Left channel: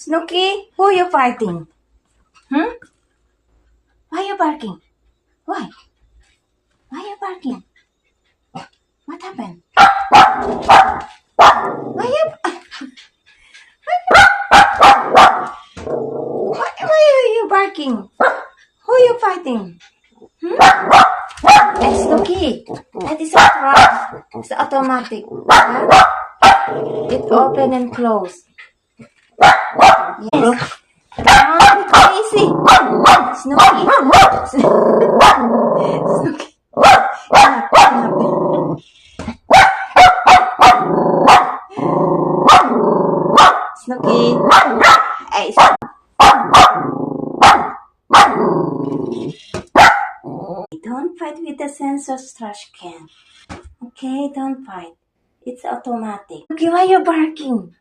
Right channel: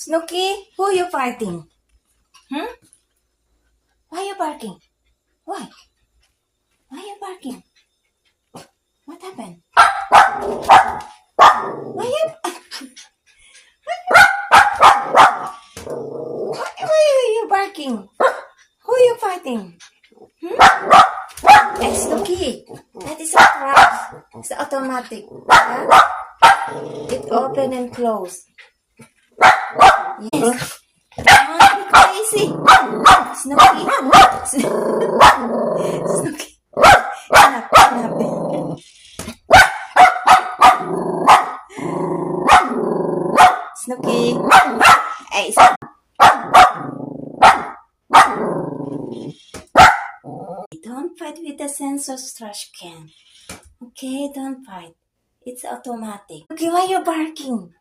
Snooky, who you fighting? Hmm? Why you barking? Why? Why you barking? What happened? Why are you barking? Who you fighting? Hey, Snooky, that is a car. It's automatic. Yeah? It open and close. Yes. Don't crazy. Snooky. Snooky. Enough. Snooky. Hey, don't fight with the sensor's trash can. Okay, don't fight. It's automatic. Okay, why are you barking?